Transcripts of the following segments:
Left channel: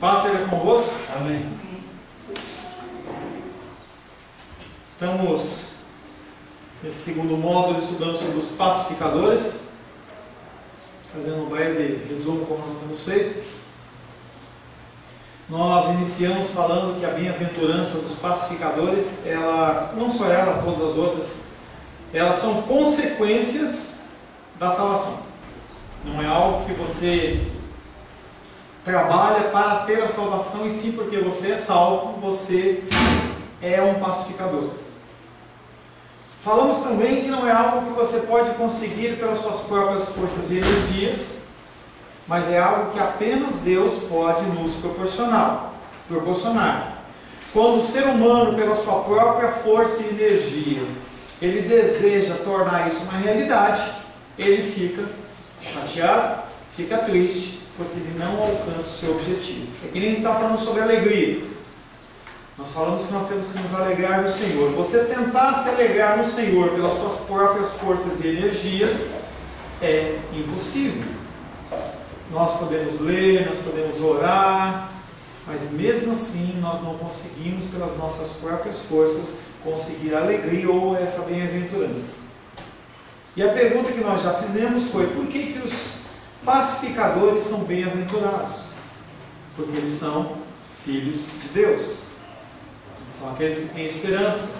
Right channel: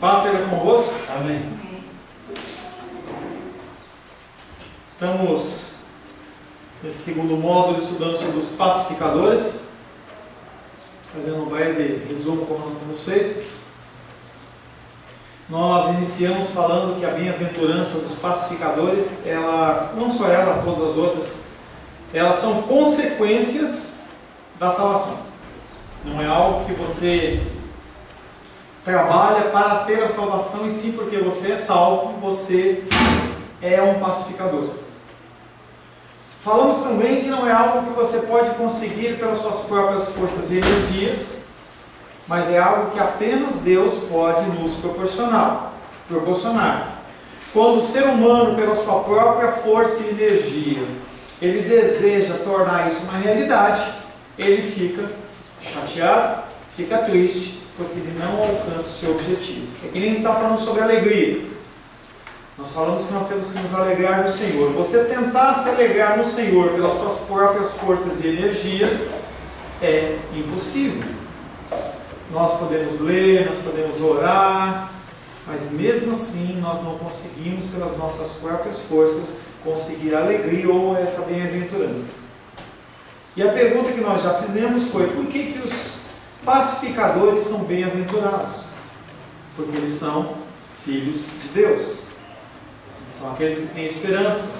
Paz seja convosco. Amém. Estamos nesse segundo módulo estudando sobre os pacificadores, fazendo um breve resumo como nós temos feito. Nós iniciamos falando que a bem-aventurança dos pacificadores, ela, não só ela, todas as outras, elas são consequências da salvação. Não é algo que você trabalha para ter a salvação, e sim porque você é salvo, você é um pacificador. Falamos também que não é algo que você pode conseguir pelas suas próprias forças e energias, mas é algo que apenas Deus pode nos proporcionar. Quando o ser humano, pela sua própria força e energia, ele deseja tornar isso uma realidade, ele fica chateado, fica triste, porque ele não alcança o seu objetivo. É que nem está falando sobre alegria. Nós falamos que nós temos que nos alegrar no Senhor. Você tentar se alegrar no Senhor pelas suas próprias forças e energias é impossível. Nós podemos ler, nós podemos orar, mas mesmo assim nós não conseguimos pelas nossas próprias forças conseguir a alegria ou essa bem-aventurança. E a pergunta que nós já fizemos foi: por que os pacificadores são bem-aventurados? Porque eles são filhos de Deus. São aqueles que têm esperança,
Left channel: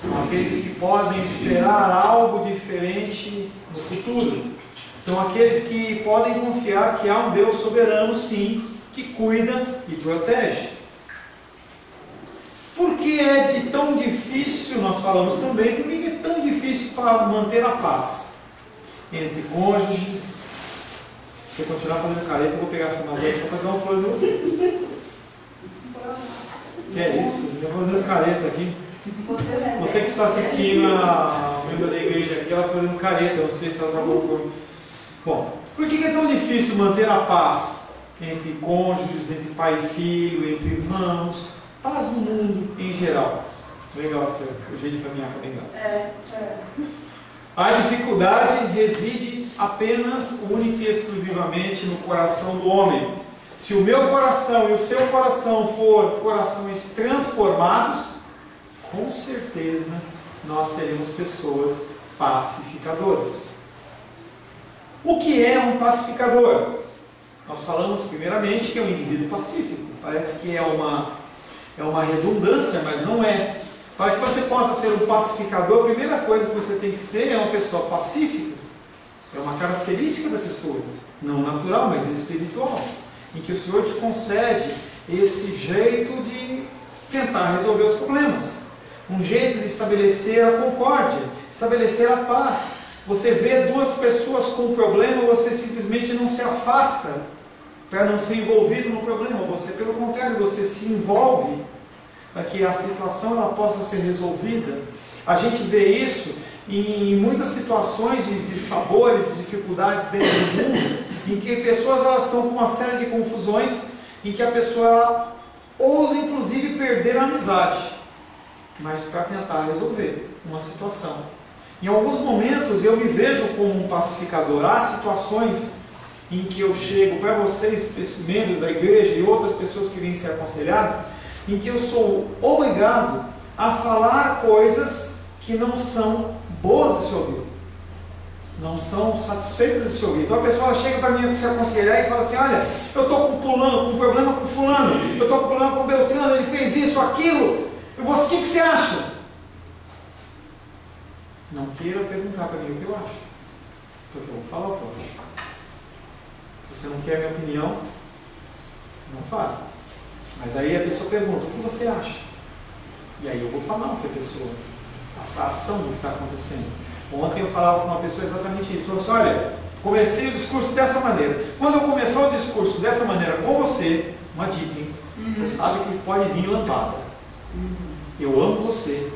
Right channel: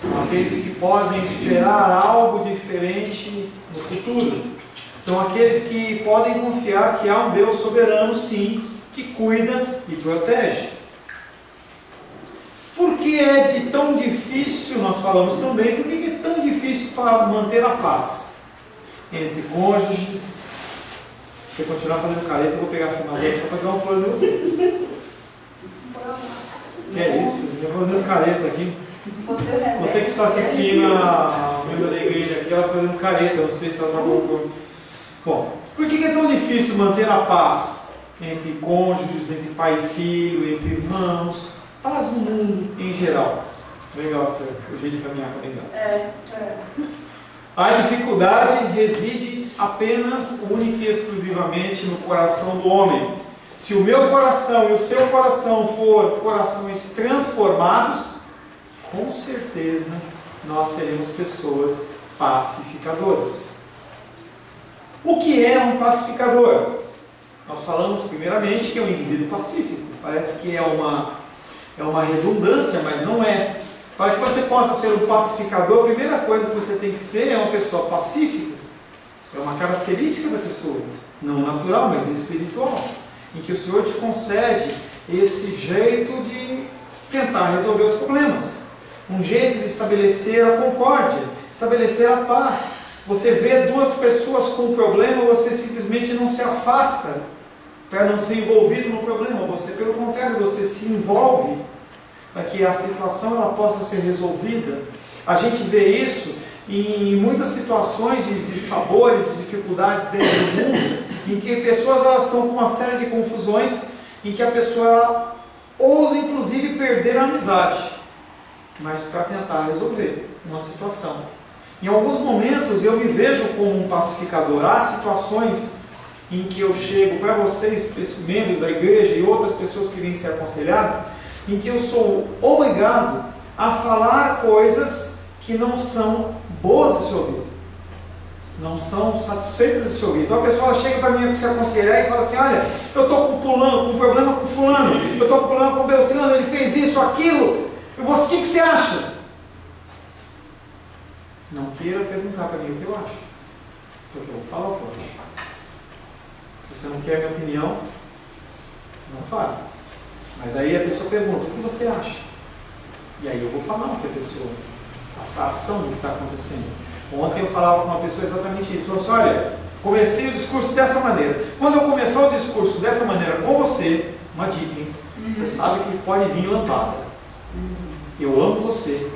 são aqueles que podem esperar algo diferente no futuro, são aqueles que podem confiar que há um Deus soberano, sim, que cuida e protege. Por que é de tão difícil, nós falamos também, por que é tão difícil para manter a paz entre cônjuges? Se você continuar fazendo careta, eu vou pegar a final dele só para dar uma coisa em você. Que é isso? Eu vou fazendo careta aqui. Você que está assistindo a membro da igreja aqui, ela está fazendo careta, eu não sei se ela está bom. Bom, por que é tão difícil manter a paz entre cônjuges, entre pai e filho, entre irmãos, paz no mundo em geral? Legal, o jeito de caminhar com legal. A dificuldade reside apenas, única e exclusivamente no coração do homem. Se o meu coração e o seu coração for corações transformados, com certeza nós seremos pessoas pacificadoras. O que é um pacificador? Nós falamos primeiramente que é um indivíduo pacífico. Parece que é uma redundância, mas não é. Para que você possa ser um pacificador, a primeira coisa que você tem que ser é uma pessoa pacífica. É uma característica da pessoa, não natural, mas espiritual, em que o Senhor te concede esse jeito de tentar resolver os problemas, um jeito de estabelecer a concórdia, estabelecer a paz. Você vê duas pessoas com um problema, você simplesmente não se afasta para não ser envolvido no problema, você, pelo contrário, você se envolve para que a situação ela possa ser resolvida. A gente vê isso em muitas situações de sabores, de dificuldades dentro do mundo, em que pessoas elas estão com uma série de confusões, em que a pessoa ela ousa inclusive perder a amizade, mas para tentar resolver uma situação. Em alguns momentos eu me vejo como um pacificador. Há situações em que eu chego para vocês, membros da igreja e outras pessoas que vêm ser aconselhadas, em que eu sou obrigado a falar coisas que não são boas de se ouvir, não são satisfeitas de se ouvir. Então a pessoa chega para mim se aconselhar e fala assim: olha, eu estou com um problema com fulano, eu estou com um problema com Beltrano, ele fez isso, aquilo, o que você acha? Não queira perguntar para mim o que eu acho, porque eu vou falar o que eu acho. Se você não quer a minha opinião, não fale. Mas aí a pessoa pergunta: o que você acha? E aí eu vou falar o que a pessoa, a ação do que está acontecendo. Ontem eu falava com uma pessoa exatamente isso. Eu falei assim: olha, comecei o discurso dessa maneira. Quando eu começar o discurso dessa maneira com você, uma dica, hein? Você sabe que pode vir lampada. Eu amo você,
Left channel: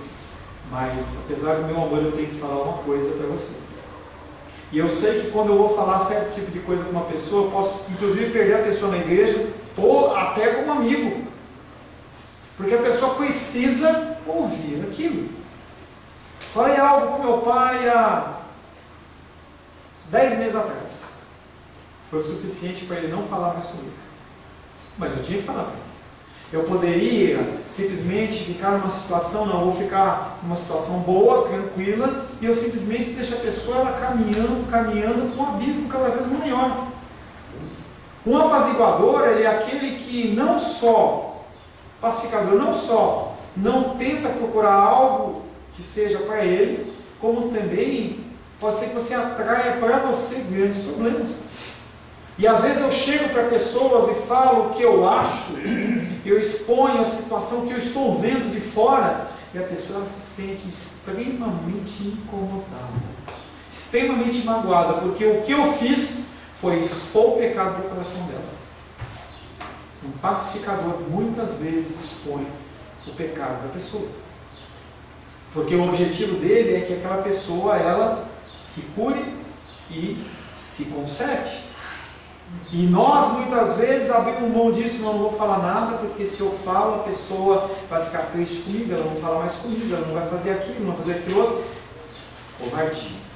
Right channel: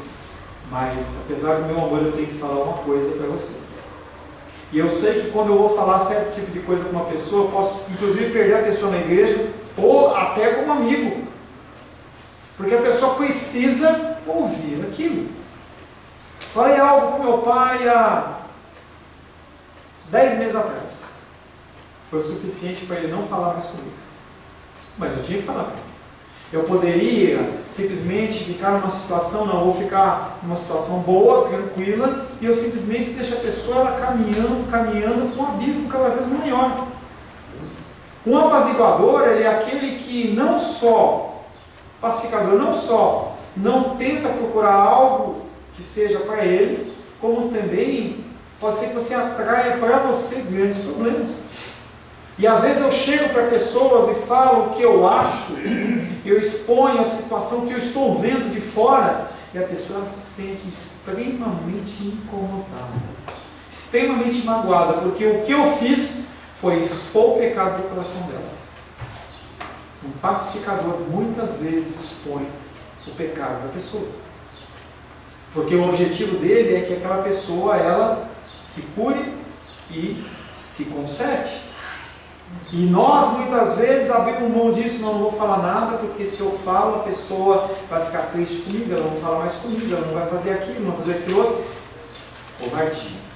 mas apesar do meu amor eu tenho que falar uma coisa para você. E eu sei que quando eu vou falar certo tipo de coisa com uma pessoa, eu posso inclusive perder a pessoa na igreja, ou até como amigo, porque a pessoa precisa ouvir aquilo. Falei algo com meu pai há 10 meses atrás. Foi o suficiente para ele não falar mais comigo. mas eu tinha que falar para ele. Eu poderia simplesmente ficar numa situação, não, vou ficar numa situação boa, tranquila, e eu simplesmente deixo a pessoa ela caminhando com um abismo cada vez maior. Um apaziguador, ele é aquele que não só, pacificador, não só não tenta procurar algo que seja para ele, como também pode ser que você atraia para você grandes problemas. E às vezes eu chego para pessoas e falo o que eu acho, eu exponho a situação que eu estou vendo de fora, e a pessoa ela se sente extremamente incomodada, extremamente magoada, porque o que eu fiz foi expor o pecado do coração dela. Um pacificador muitas vezes expõe o pecado da pessoa, porque o objetivo dele é que aquela pessoa ela se cure e se conserte. E nós muitas vezes abrimos mão disso, não vou falar nada, porque se eu falo a pessoa vai ficar triste comigo, ela não vai falar mais comigo, ela não vai fazer aquilo, não vai fazer aquilo outro. Covardia.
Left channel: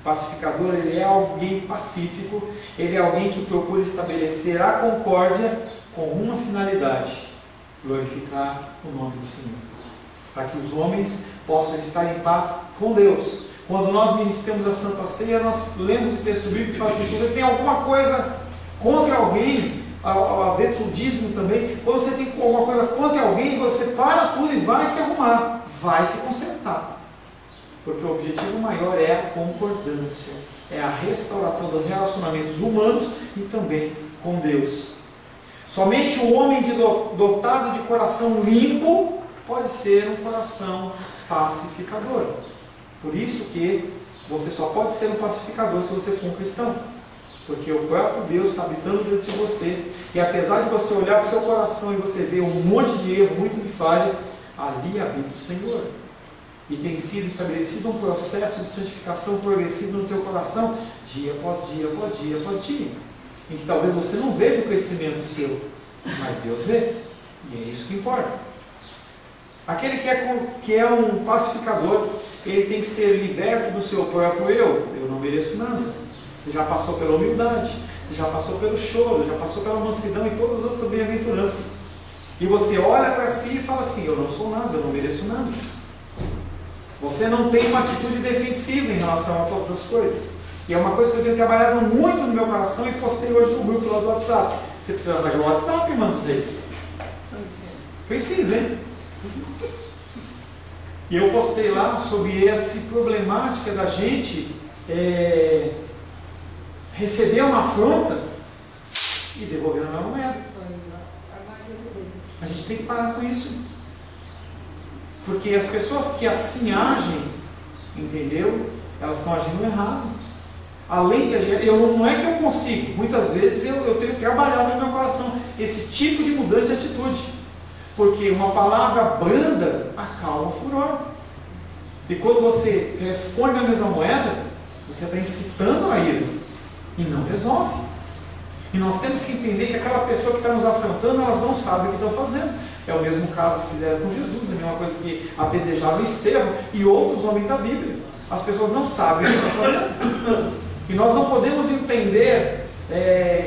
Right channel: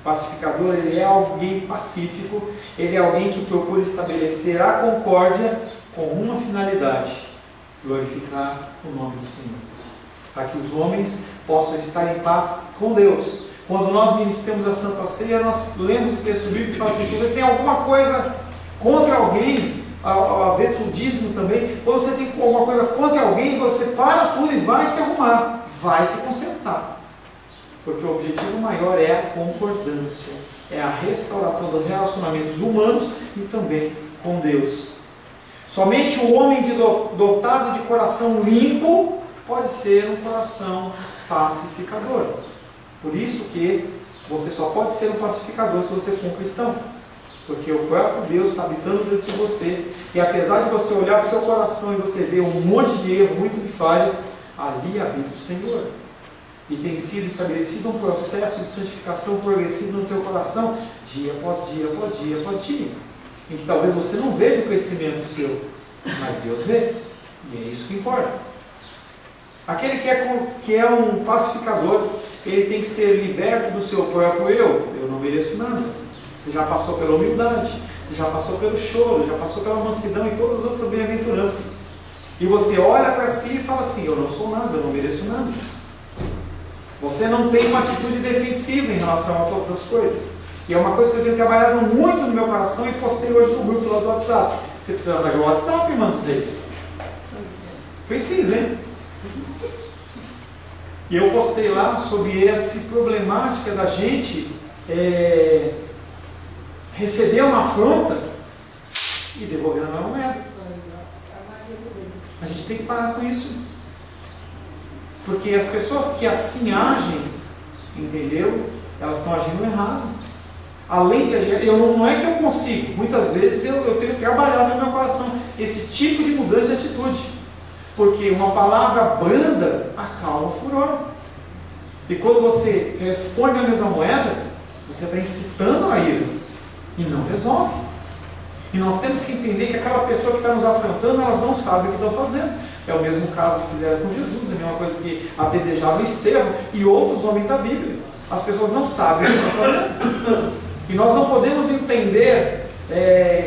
O pacificador, ele é alguém pacífico, ele é alguém que procura estabelecer a concórdia com uma finalidade: glorificar o nome do Senhor, para que os homens possam estar em paz com Deus. Quando nós ministramos a Santa Ceia, nós lemos o texto bíblico e falamos assim: se você tem alguma coisa contra alguém, dentro do dízimo também, quando você tem alguma coisa contra alguém, você para tudo e vai se arrumar, vai se consertar. Porque o objetivo maior é a concordância, é a restauração dos relacionamentos humanos e também com Deus. Somente o homem dotado de coração limpo pode ser um coração pacificador. Por isso que você só pode ser um pacificador se você for um cristão. Porque o próprio Deus está habitando dentro de você. E apesar de você olhar para o seu coração e você ver um monte de erro, muito de falha, ali habita o Senhor. E tem sido estabelecido um processo de santificação progressivo no teu coração, dia após dia, após dia, após dia. Em que talvez você não veja o crescimento seu, mas Deus vê. E é isso que importa. Aquele que é um pacificador, ele tem que ser liberto do seu próprio eu. Eu não mereço nada. Você já passou pela humildade, você já passou pelo choro, já passou pela mansidão e todas as outras bem-aventuranças. E você olha para si e fala assim: eu não sou nada, eu não mereço nada. Você não tem uma atitude defensiva em relação a todas as coisas. E é uma coisa que eu tenho trabalhado muito no meu coração e postei hoje no grupo lá do WhatsApp. Você precisa arranjar o WhatsApp, irmãos deles? Precisa, hein? E eu postei lá sobre essa problemática da gente receber uma afronta e devolver a moeda. A gente tem que parar com isso. Porque as pessoas que assim agem, entendeu? Elas estão agindo errado. Além de agir, não é que eu consigo. Muitas vezes eu tenho trabalhado no meu coração esse tipo de mudança de atitude. Porque uma palavra branda acalma o furor. E quando você responde a mesma moeda, você está incitando a ira. E não resolve. E nós temos que entender que aquela pessoa que está nos afrontando, elas não sabem o que estão fazendo. É o mesmo caso que fizeram com Jesus, a mesma coisa que apedrejaram Estevão e outros homens da Bíblia. As pessoas não sabem o que estão fazendo. E nós não podemos entender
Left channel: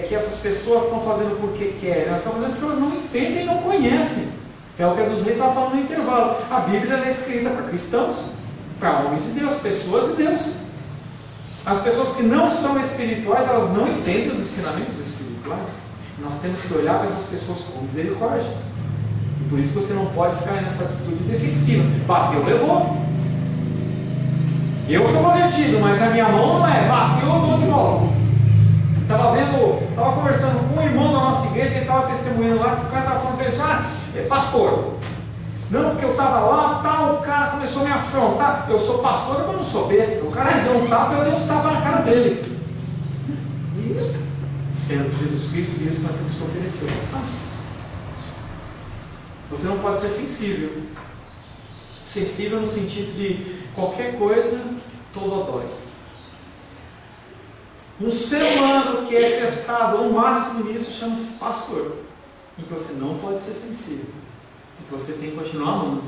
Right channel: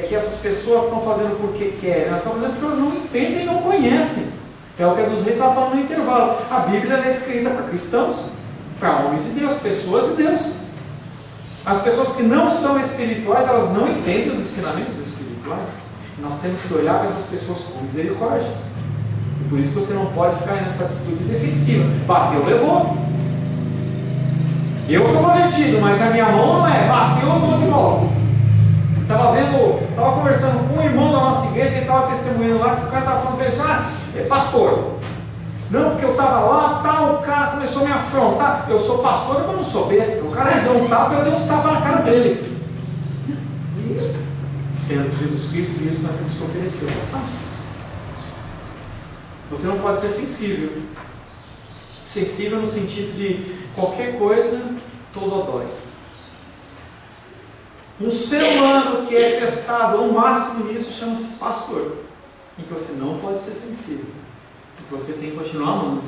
que essas pessoas estão fazendo porque querem, elas estão fazendo porque elas não entendem e não conhecem. É o que a dos Reis estava falando no intervalo. A Bíblia é escrita para cristãos, para homens de Deus, pessoas de Deus. As pessoas que não são espirituais, elas não entendem os ensinamentos espirituais. E nós temos que olhar para essas pessoas com misericórdia. E por isso que você não pode ficar nessa atitude defensiva. Bateu, levou. Eu sou convertido, mas a minha mão não é. Bateu, eu dou de volta. Estava conversando com um irmão da nossa igreja, ele estava testemunhando lá, que o cara estava falando para ele, pastor, não, porque eu estava lá, tal, o cara começou a me afrontar, eu sou pastor, mas não sou besta, o cara deu um tapa, eu dei um tapa na cara dele. Sendo que Jesus Cristo disse que nós temos que oferecer o que faz. Você não pode ser sensível. Sensível no sentido de qualquer coisa, todo dói. Um ser humano que é testado ao máximo nisso chama-se pastor, em que você não pode ser sensível, em que você tem que continuar amando.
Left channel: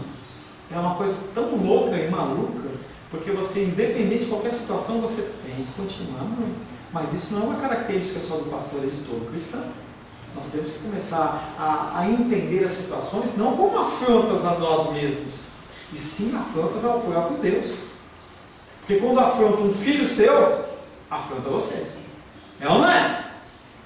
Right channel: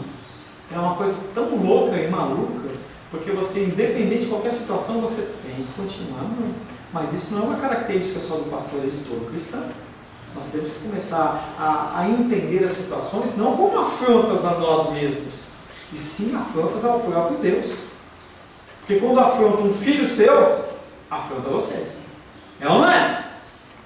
É uma coisa tão louca e maluca, porque você, independente de qualquer situação, você tem que continuar amando. Mas isso não é uma característica só do pastor, é de todo cristão. Nós temos que começar a entender as situações não como afrontas a nós mesmos, e sim afrontas ao próprio Deus. Porque quando afronta um filho seu, afronta você. É ou não é?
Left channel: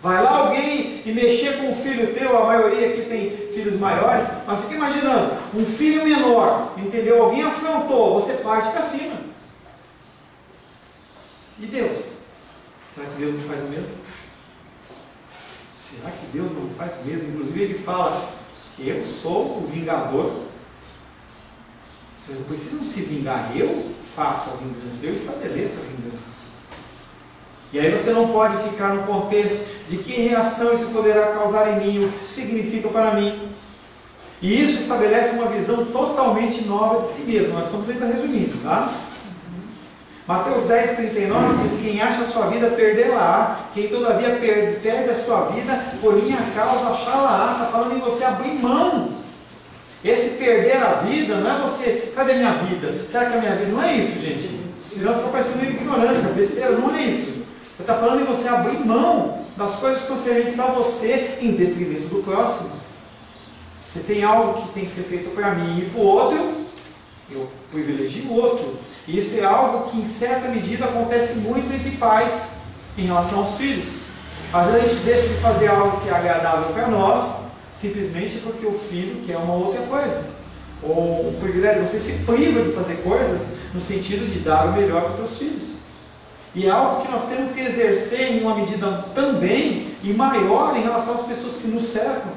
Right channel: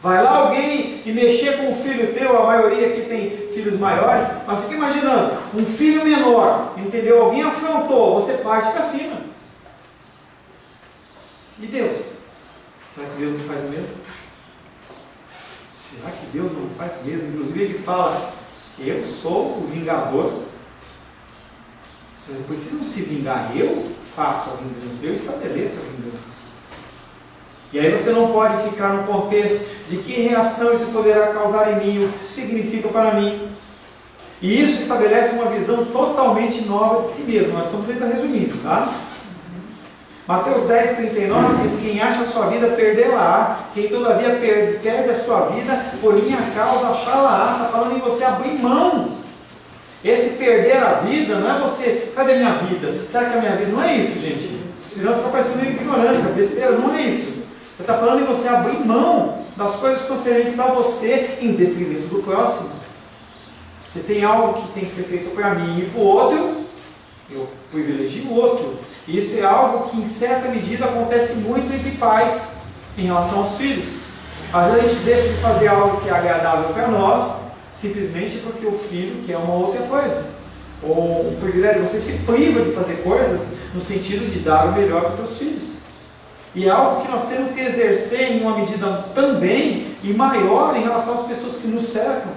Vai lá alguém e mexer com um filho teu, a maioria aqui tem filhos maiores, mas fica imaginando, um filho menor, entendeu? Alguém afrontou, você parte para cima. E Deus? Será que Deus não faz o mesmo? Será que Deus não faz o mesmo? Inclusive ele fala, eu sou o vingador. Vocês não precisam se vingar, eu faço a vingança, eu estabeleço a vingança. E aí você não pode ficar no contexto de que reação isso poderá causar em mim, o que isso significa para mim. E isso estabelece uma visão totalmente nova de si mesmo. Nós estamos ainda resumindo, tá? Mateus 10, 39 diz, quem acha a sua vida, perdê-la-á. Quem todavia perde a sua vida, por minha causa, achá-la-á. Está falando em você abrir mão. Esse perder a vida não é você, cadê minha vida? Será que a minha vida não é isso, gente? Senão fica parecendo ignorância, besteira, não é isso. Ele está falando em você abrir mão das coisas concernentes a você em detrimento do próximo. Você tem algo que tem que ser feito para mim e para o outro, eu privilegio o outro. E isso é algo que em certa medida acontece muito entre pais em relação aos filhos. Às vezes a gente deixa de fazer algo que é agradável para nós, simplesmente porque o filho quer uma outra coisa. Ou o privilégio, você se priva de fazer coisas no sentido de dar o melhor para os seus filhos. E é algo que nós temos que exercer em uma medida também e maior em relação às pessoas que nos cercam.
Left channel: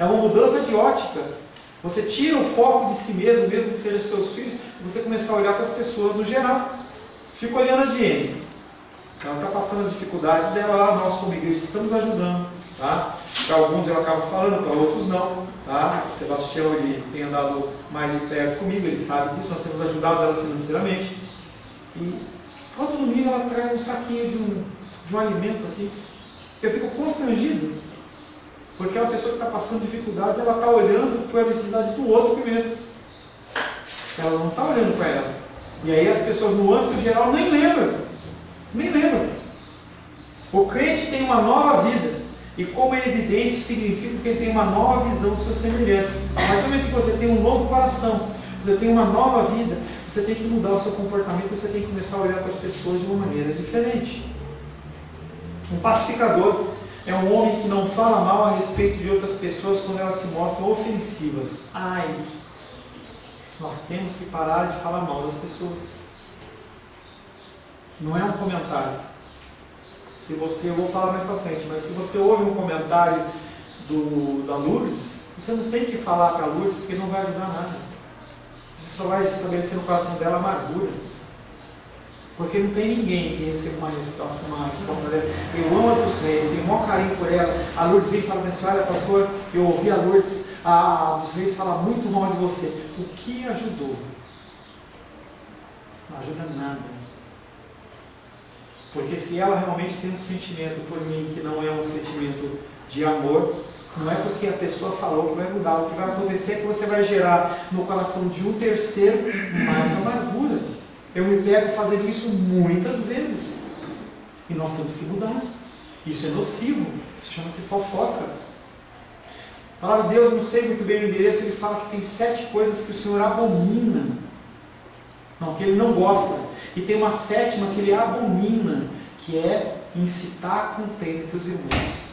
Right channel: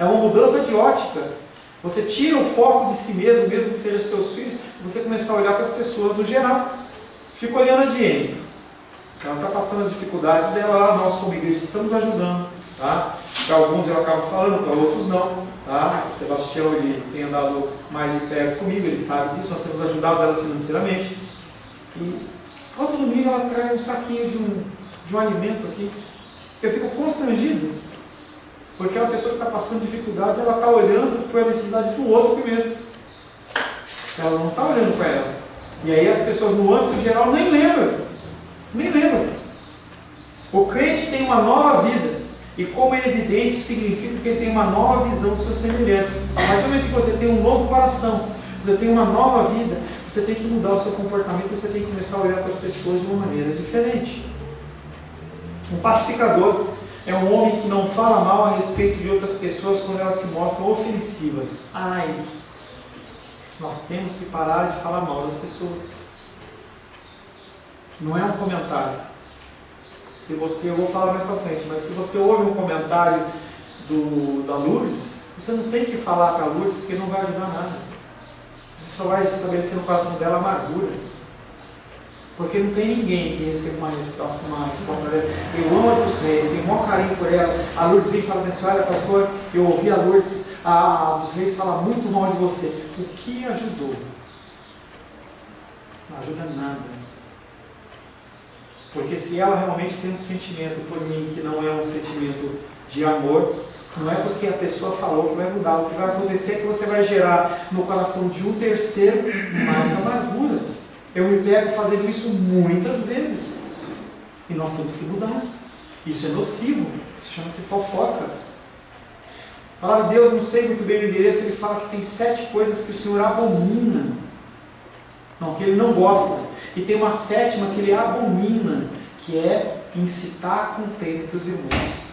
É uma mudança de ótica. Você tira o foco de si mesmo, mesmo que sejam seus filhos, e você começar a olhar para as pessoas no geral. Fica olhando a Diene. Ela está passando as dificuldades dela lá, nós como igreja estamos ajudando. Tá? Para alguns eu acabo falando, para outros não. Tá? O Sebastião ele tem andado mais de perto comigo, ele sabe disso, nós temos ajudado ela financeiramente. E todo domingo ela traz um saquinho de um alimento aqui. Eu fico constrangido, porque a pessoa que está passando dificuldade, ela está olhando para a necessidade do outro primeiro. Ela não está olhando para ela. E aí as pessoas no âmbito geral nem lembram. Nem lembram. O crente tem uma nova vida. E como é evidente, isso significa que ele tem uma nova visão dos seus semelhantes. A partir do momento que você tem um novo coração, você tem uma nova vida, você tem que mudar o seu comportamento, você tem que começar a olhar para as pessoas de uma maneira diferente. Um pacificador é um homem que não fala mal a respeito de outras pessoas quando elas se mostram ofensivas. Ai, nós temos que parar de falar mal das pessoas. Não é um comentário. Se você, eu vou falar mais para frente, mas se você ouve um comentário da Lourdes, você não tem que falar para a Lourdes porque não vai ajudar nada. Você só vai estabelecer no coração dela amargura. Porque não tem ninguém que receba uma resposta dessa. Eu amo a dos Reis, tenho o maior carinho por ela. A Lourdes vem e fala assim, olha pastor, eu ouvi a Lourdes, a dos Reis falar muito mal de você. O que ajudou? Não ajuda nada. Porque se ela realmente tem um sentimento por mim que não é um sentimento de amor, não é porque a pessoa falou que vai mudar. O que vai acontecer é que você vai gerar no coração de um terceiro mais amargura. Eu me pego fazendo isso muitas vezes. E nós temos que mudar. Isso é nocivo. Isso chama-se fofoca. A palavra de Deus, não sei muito bem o endereço, ele fala que tem 7 coisas que o Senhor abomina. Não, que ele não gosta. E tem uma 7ª que ele abomina, que é incitar a contenda entre os irmãos.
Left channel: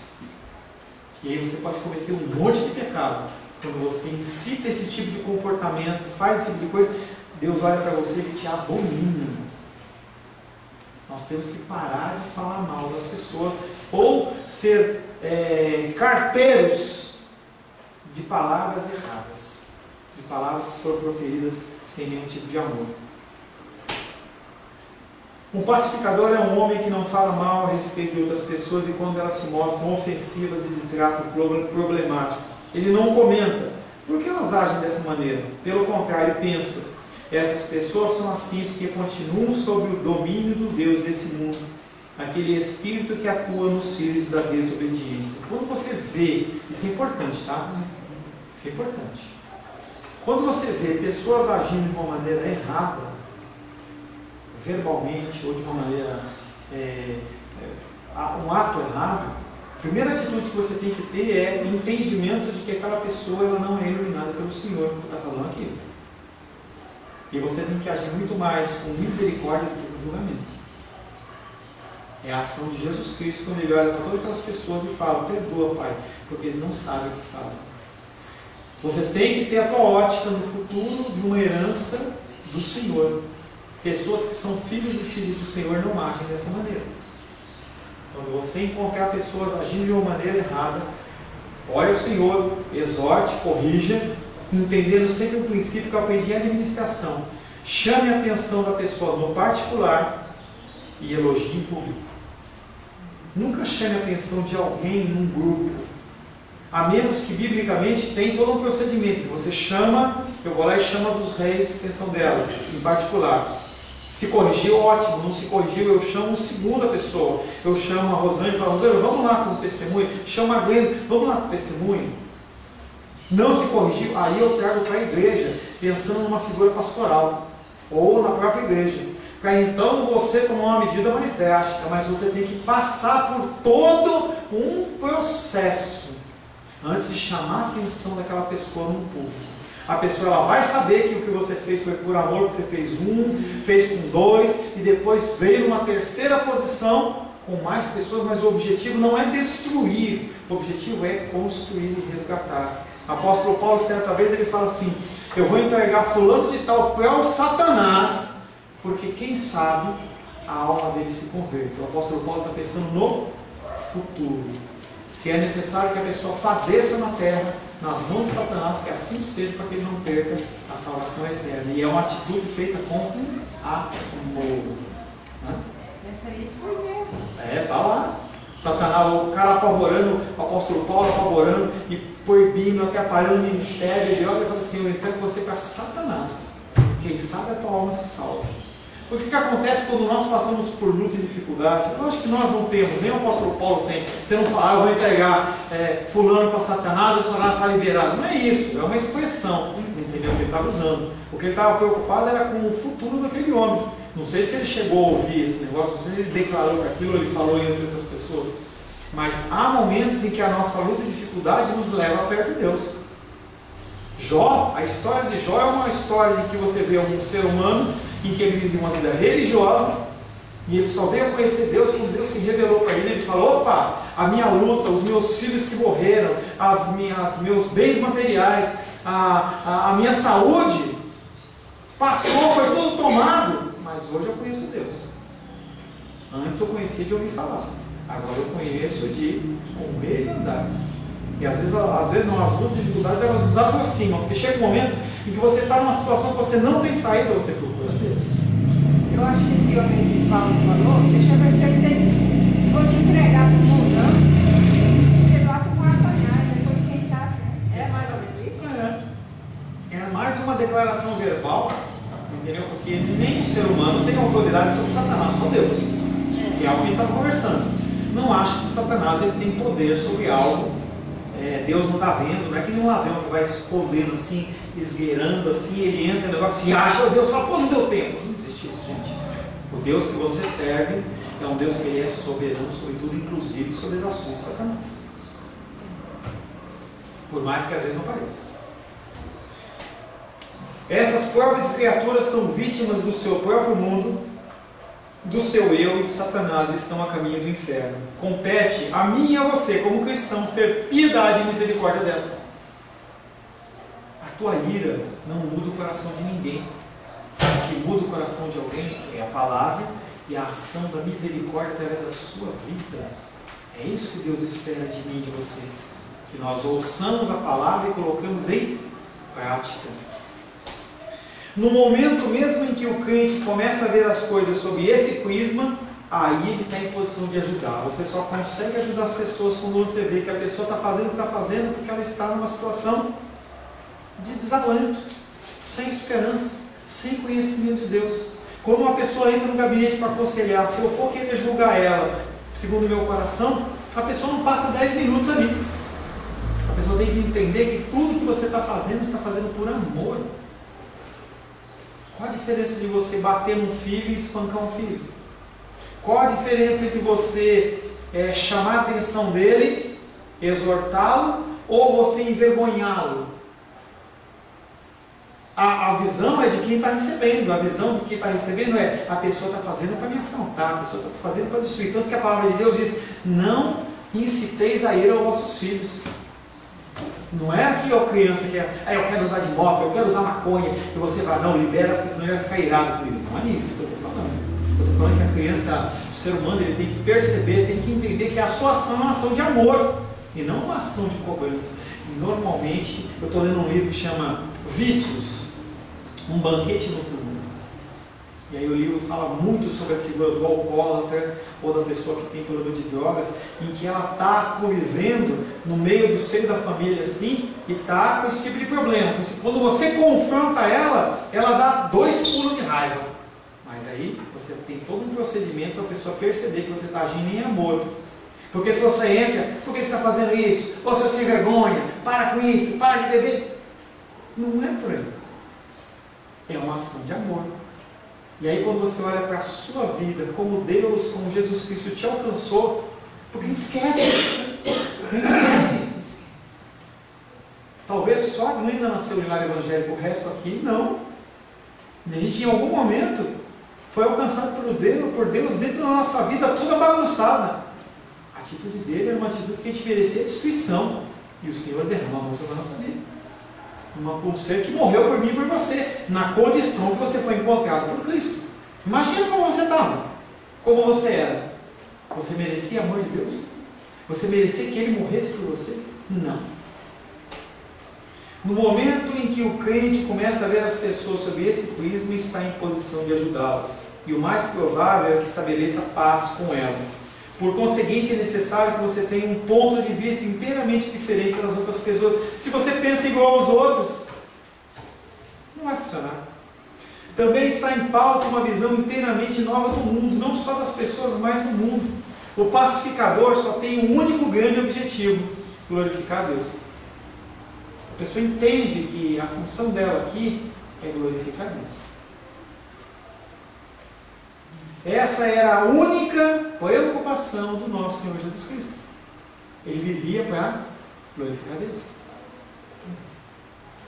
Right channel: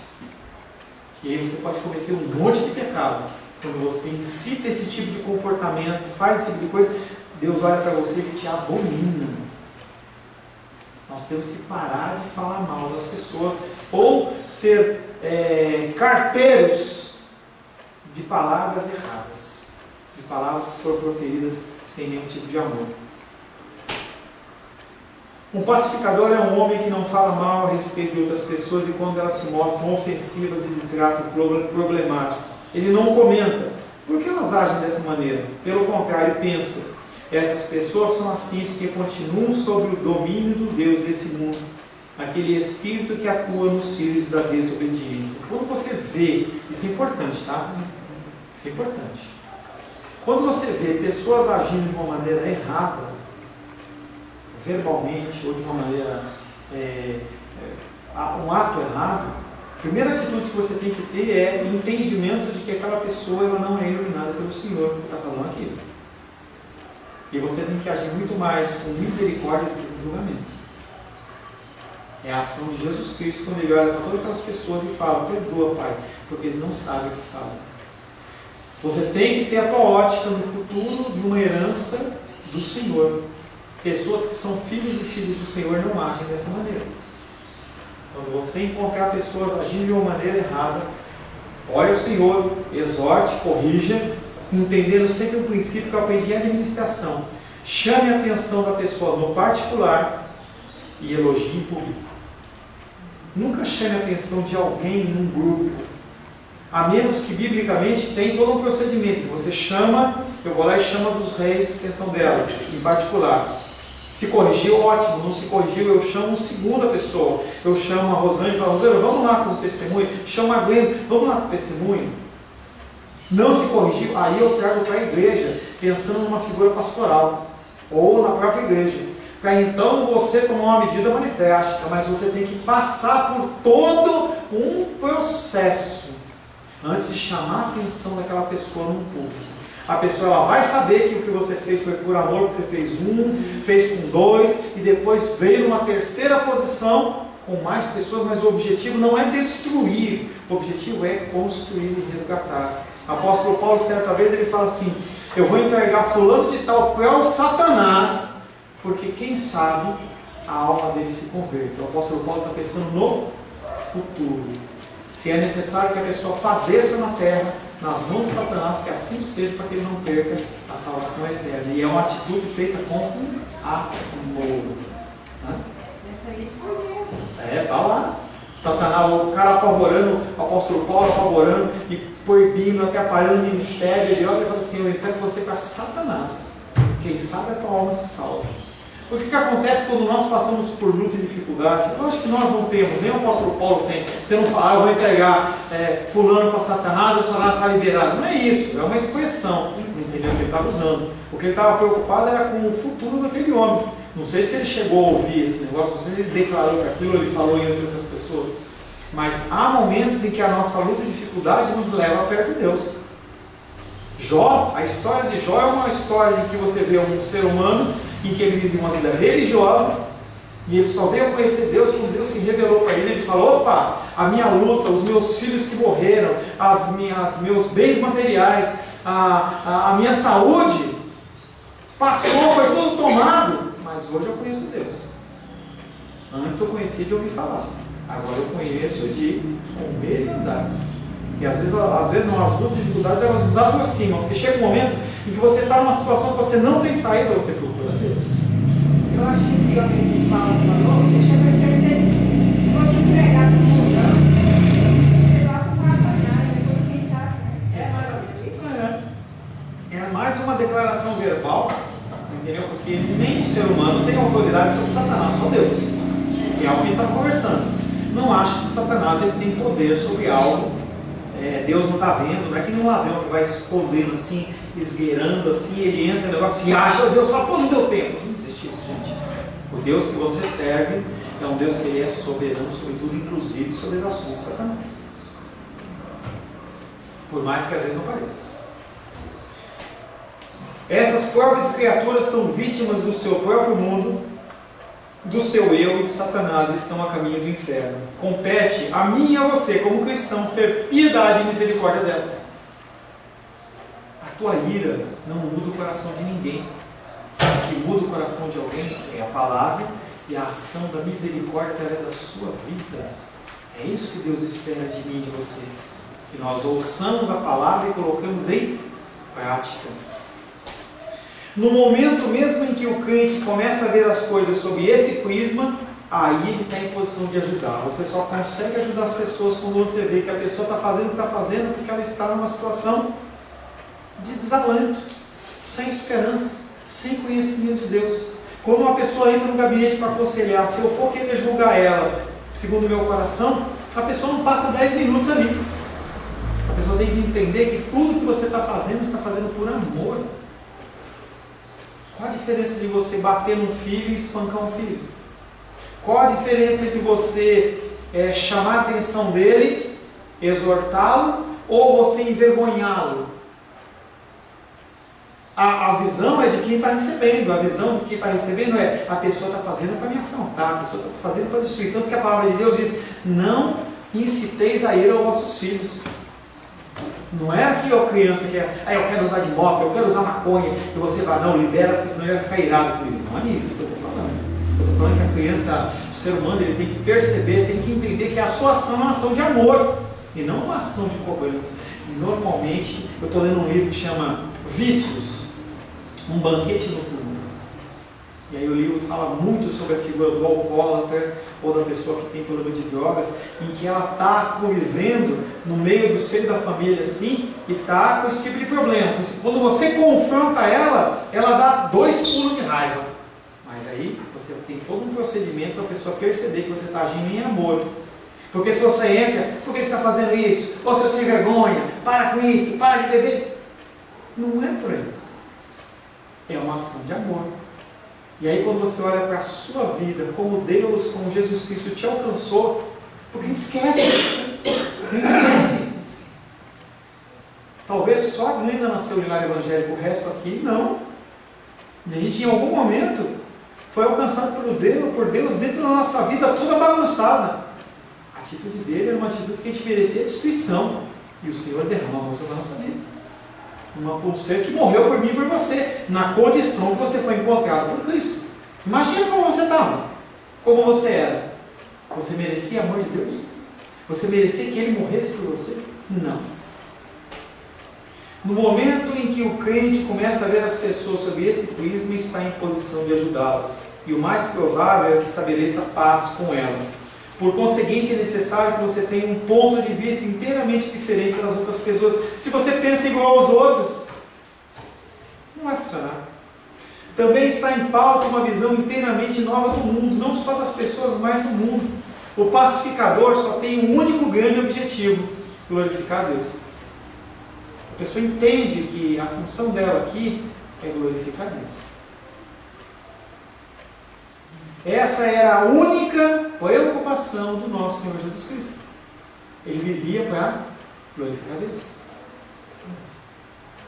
E aí você pode cometer um monte de pecado. Quando você incita esse tipo de comportamento, faz esse tipo de coisa, Deus olha para você e te abomina. Nós temos que parar de falar mal das pessoas, ou ser carteiros de palavras erradas, de palavras que foram proferidas sem nenhum tipo de amor. Um pacificador é um homem que não fala mal a respeito de outras pessoas e quando elas se mostram ofensivas e de trato problemático, ele não comenta. Por que elas agem dessa maneira? Pelo contrário, pensa, essas pessoas são assim porque continuam sob o domínio do Deus desse mundo, aquele espírito que atua nos filhos da desobediência. Quando você vê, isso é importante, tá? Isso é importante. Quando você vê pessoas agindo de uma maneira errada, verbalmente ou de uma maneira, um ato errado, A primeira atitude que você tem que ter é entendimento de que aquela pessoa ela não é iluminada pelo Senhor, que está falando aqui. E você tem que agir muito mais com misericórdia do que com julgamento. É a ação de Jesus Cristo quando Ele olha para todas aquelas pessoas e fala: perdoa, Pai, porque eles não sabem o que fazem. Você tem que ter a tua ótica no futuro de uma herança do Senhor. Pessoas que são filhos e filhas do Senhor não agem dessa maneira. Quando você encontrar pessoas agindo de uma maneira errada, ore ao Senhor, exorte, corrija, entendendo sempre o princípio que eu aprendi em administração. Chame a atenção da pessoa no particular e elogie em público. Nunca chame a atenção de alguém num grupo, a menos que biblicamente tem todo um procedimento. Você chama, eu vou lá e chamo dos reis, atenção dela, em particular. Se corrigiu, ótimo. Não se corrigiu, eu chamo uma segunda pessoa. Eu chamo a Rosane e falo: Rosane, vamos lá com o testemunho. Chama a Glenn, vamos lá com o testemunho. Não se corrigiu, aí eu trago para a igreja, pensando numa figura pastoral, ou na própria igreja. Para então você tomar uma medida mais drástica, mas você tem que passar por todo um processo antes de chamar a atenção daquela pessoa no público. A pessoa ela vai saber que o que você fez foi por amor, que você fez fez com dois, e depois veio numa terceira posição com mais pessoas, mas o objetivo não é destruir, o objetivo é construir e resgatar. O apóstolo Paulo, certa vez, ele fala assim: eu vou entregar fulano de tal para o Satanás, porque quem sabe a alma dele se converte. O apóstolo Paulo está pensando no futuro. Se é necessário que a pessoa padeça na terra, nas mãos de Satanás, que assim seja, para que ele não perca a salvação eterna. E é uma atitude feita com amor. Essa aí foi mesmo. Tá lá. Satanás, o cara apavorando, o apóstolo Paulo apavorando e proibindo, atrapalhando o ministério. Ele olha e fala assim: eu entrego você para Satanás. Quem sabe a tua alma se salva. Porque o que acontece quando nós passamos por luta e dificuldade? Eu acho que nós não temos, nem o apóstolo Paulo tem. Você não fala: eu vou entregar fulano para Satanás, o Satanás está liberado. Não é isso, é uma expressão, entendeu? Que ele estava usando. O que ele estava preocupado era com o futuro daquele homem. Não sei se ele chegou a ouvir esse negócio, não sei se ele declarou que aquilo ele falou em outras pessoas. Mas há momentos em que a nossa luta e dificuldade nos leva perto de Deus. Jó, a história de Jó é uma história em que você vê um ser humano em que ele vive uma vida religiosa e ele só veio a conhecer Deus quando Deus se revelou para ele. Ele falou: opa, a minha luta, os meus filhos que morreram, meus bens materiais, a minha saúde passou, foi tudo tomado, mas hoje eu conheço Deus. Antes eu conhecia de ouvir falar, agora eu conheço de comer e andar. E às vezes não, as lutas e dificuldades elas nos aproximam, porque chega um momento em que você está numa situação que você não tem saída, você procura Deus. Eu acho que esse homem que Paulo falou, deixa eu ver se ele tem. Vou te entregar para o mundão, você vai tomar apanhar, depois quem sabe. É mais ou menos isso? É mais uma declaração verbal, entendeu? Porque nem o ser humano tem autoridade sobre Satanás, só Deus. Que é algo que a gente está conversando. Não acho que Satanás ele tem poder sobre algo. Deus não está vendo, não é que nem um ladrão que vai escondendo assim, esgueirando assim, ele entra no negócio e acha, o Deus fala: pô, não deu tempo. Não existe isso, gente. O Deus que você serve é um Deus que ele é soberano sobre tudo, inclusive sobre as ações de Satanás. Por mais que às vezes não pareça. Essas próprias criaturas são vítimas do seu próprio mundo, do seu eu, e Satanás estão a caminho do inferno. Compete a mim e a você, como cristãos, ter piedade e misericórdia delas. A tua ira não muda o coração de ninguém. O que muda o coração de alguém é a palavra e a ação da misericórdia através da sua vida. É isso que Deus espera de mim e de você. Que nós ouçamos a palavra e colocamos em prática. No momento mesmo em que o crente começa a ver as coisas sob esse prisma, aí ele está em posição de ajudar. Você só consegue ajudar as pessoas quando você vê que a pessoa está fazendo o que está fazendo porque ela está numa situação de desalento, sem esperança, sem conhecimento de Deus. Quando uma pessoa entra no gabinete para aconselhar, se eu for querer julgar ela, segundo o meu coração, a pessoa não passa 10 minutos ali. A pessoa tem que entender que tudo que você está fazendo por amor. Qual a diferença de você bater num filho e espancar um filho? Qual a diferença entre você chamar a atenção dele, exortá-lo, ou você envergonhá-lo? A visão é de quem está recebendo. A visão de quem está recebendo é: a pessoa está fazendo para me afrontar, a pessoa está fazendo para destruir. Tanto que a palavra de Deus diz: não inciteis a ira aos vossos filhos. Não é aqui, ó, criança que eu quero andar de moto, eu quero usar maconha, e você vai, não, libera, porque senão ele vai ficar irado comigo. Não é isso que eu estou falando. Eu estou falando que a criança, o ser humano, ele tem que perceber, tem que entender que a sua ação é uma ação de amor e não uma ação de cobrança. E normalmente, eu estou lendo um livro que chama Vícios, um banquete noturno. E aí o livro fala muito sobre a figura do alcoólatra ou da pessoa que tem problema de drogas, em que ela está convivendo no meio do seio da família assim, e está com esse tipo de problema. Quando você confronta ela, ela dá 2 pulos de raiva. Mas aí você tem todo um procedimento para a pessoa perceber que você está agindo em amor. Porque se você entra: por que você está fazendo isso? Ou se você sem vergonha, para com isso, para de beber. Não é por aí. É uma ação de amor. E aí quando você olha para a sua vida, como Deus, como Jesus Cristo te alcançou, porque a gente esquece. A gente esquece. Talvez só a Glenda nasceu no lar evangélico, o resto aqui não. E a gente em algum momento foi alcançado por Deus dentro da nossa vida toda bagunçada. A atitude dele era uma atitude que a gente merecia destruição. E o Senhor derramou sobre a nossa vida. Um ser que morreu por mim e por você, na condição que você foi encontrado por Cristo. Imagina como você estava, como você era. Você merecia amor de Deus? Você merecia que Ele morresse por você? Não. No momento em que o crente começa a ver as pessoas sob esse prisma, está em posição de ajudá-las. E o mais provável é que estabeleça paz com elas. Por conseguinte, é necessário que você tenha um ponto de vista inteiramente diferente das outras pessoas. Se você pensa igual aos outros, não vai funcionar. Também está em pauta uma visão inteiramente nova do mundo, não só das pessoas, mas do mundo. O pacificador só tem um único grande objetivo: glorificar a Deus. A pessoa entende que a função dela aqui é glorificar a Deus. Essa era a única preocupação do nosso Senhor Jesus Cristo. Ele vivia para glorificar a Deus.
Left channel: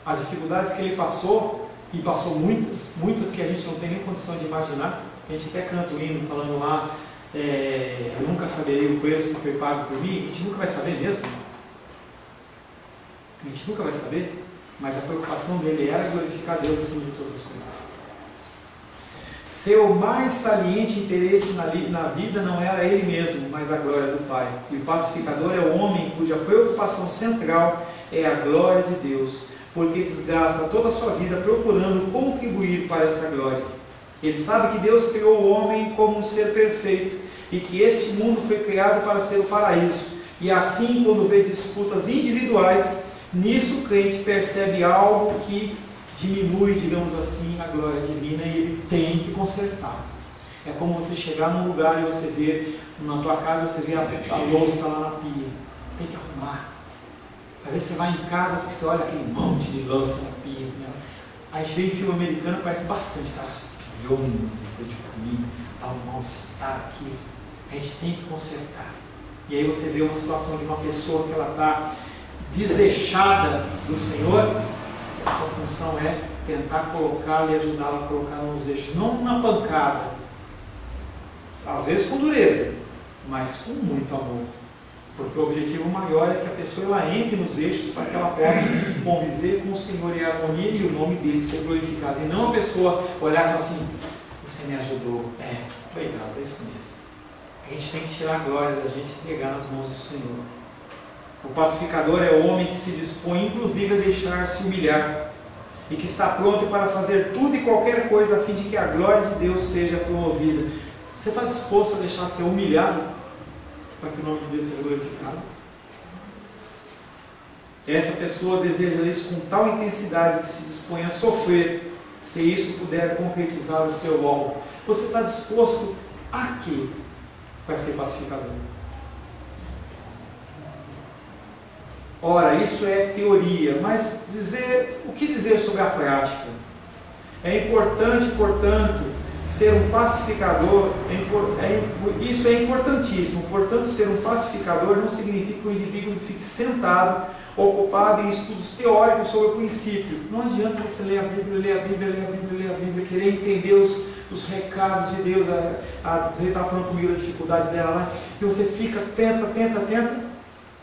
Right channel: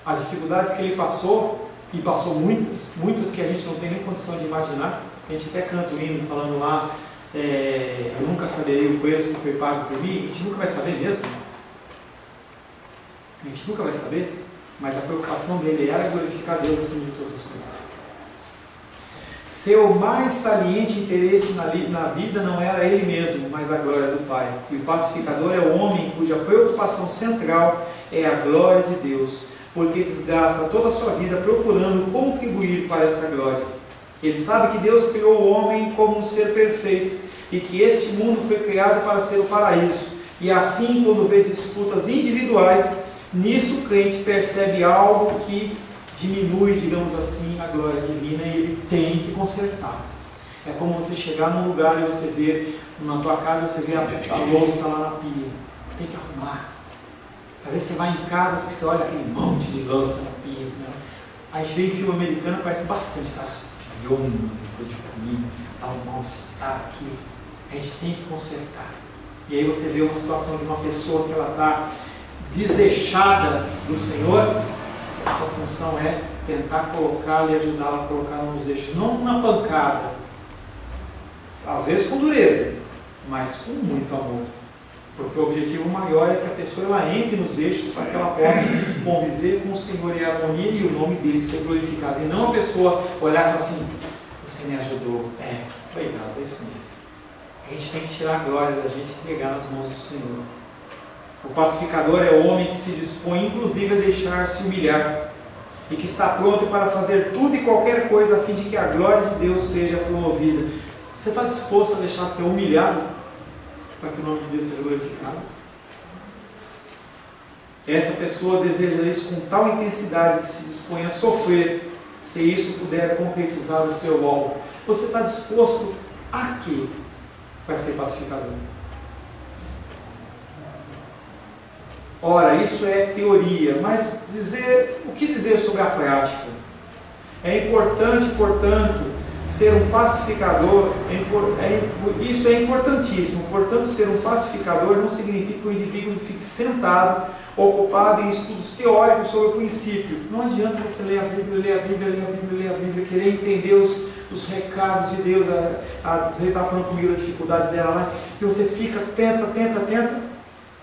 As dificuldades que ele passou, e passou muitas que a gente não tem nem condição de imaginar. A gente até canta o hino falando lá, eu nunca saberei o preço que foi pago por mim. A gente nunca vai saber mesmo. A gente nunca vai saber. Mas a preocupação dele era glorificar a Deus acima de todas as coisas. Seu mais saliente interesse na vida não era ele mesmo, mas a glória do Pai. E o pacificador é o homem cuja preocupação central é a glória de Deus, porque desgasta toda a sua vida procurando contribuir para essa glória. Ele sabe que Deus criou o homem como um ser perfeito e que este mundo foi criado para ser o paraíso. E assim, quando vê disputas individuais, nisso o crente percebe algo que diminui, digamos assim, a glória divina, e ele tem que consertar. É como você chegar num lugar e você vê, na tua casa, você vê a louça lá na pia. Tem que arrumar. Às vezes você vai em casas que você olha aquele monte de louça na pia. Né? A gente vê em filme americano, parece bastante aquelas pilhomas de comida, dá um mal-estar aqui. A gente tem que consertar. E aí você vê uma situação de uma pessoa que ela está desejada do Senhor. A sua função é tentar colocá-la e ajudá-la a colocar nos eixos, não na pancada, às vezes com dureza, mas com muito amor, porque o objetivo maior é que a pessoa ela entre nos eixos para que ela possa conviver com o Senhor em harmonia e o nome dele ser glorificado, e não a pessoa olhar e falar assim: você me ajudou, obrigado, é isso mesmo. A gente tem que tirar a glória da gente e entregar nas mãos do Senhor. O pacificador é o homem que se dispõe inclusive a deixar-se humilhar e que está pronto para fazer tudo e qualquer coisa a fim de que a glória de Deus seja promovida. Você está disposto a deixar ser humilhado para que o nome de Deus seja glorificado? Essa pessoa deseja isso com tal intensidade que se dispõe a sofrer, se isso puder concretizar o seu alvo. Você está disposto a quê para ser pacificador? Ora, isso é teoria, mas o que dizer sobre a prática? É importante, portanto, ser um pacificador, isso é importantíssimo. Portanto, ser um pacificador não significa que o indivíduo fique sentado, ocupado em estudos teóricos sobre o princípio. Não adianta você ler a Bíblia, querer entender os recados de Deus. Você estava falando comigo da dificuldade dela lá, que você fica, tenta.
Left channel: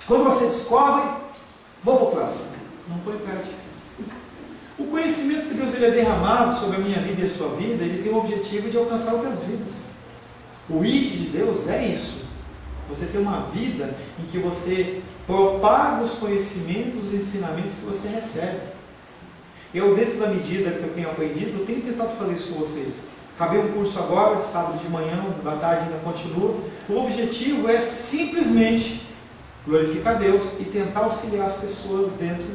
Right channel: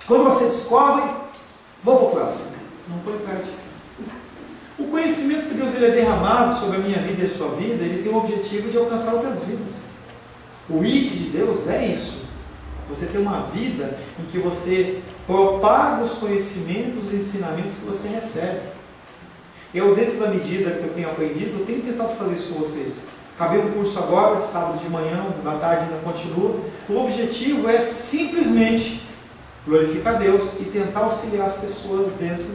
Quando você descobre, vou para o próximo. Não põe em prática. O conhecimento que Deus é derramado sobre a minha vida e a sua vida, ele tem o objetivo de alcançar outras vidas. O ID de Deus é isso. Você tem uma vida em que você propaga os conhecimentos, os ensinamentos que você recebe. Eu, dentro da medida que eu tenho aprendido, eu tenho tentado fazer isso com vocês. Acabei um curso agora, de sábado de manhã, da tarde ainda continua. O objetivo é simplesmente glorificar Deus e tentar auxiliar as pessoas dentro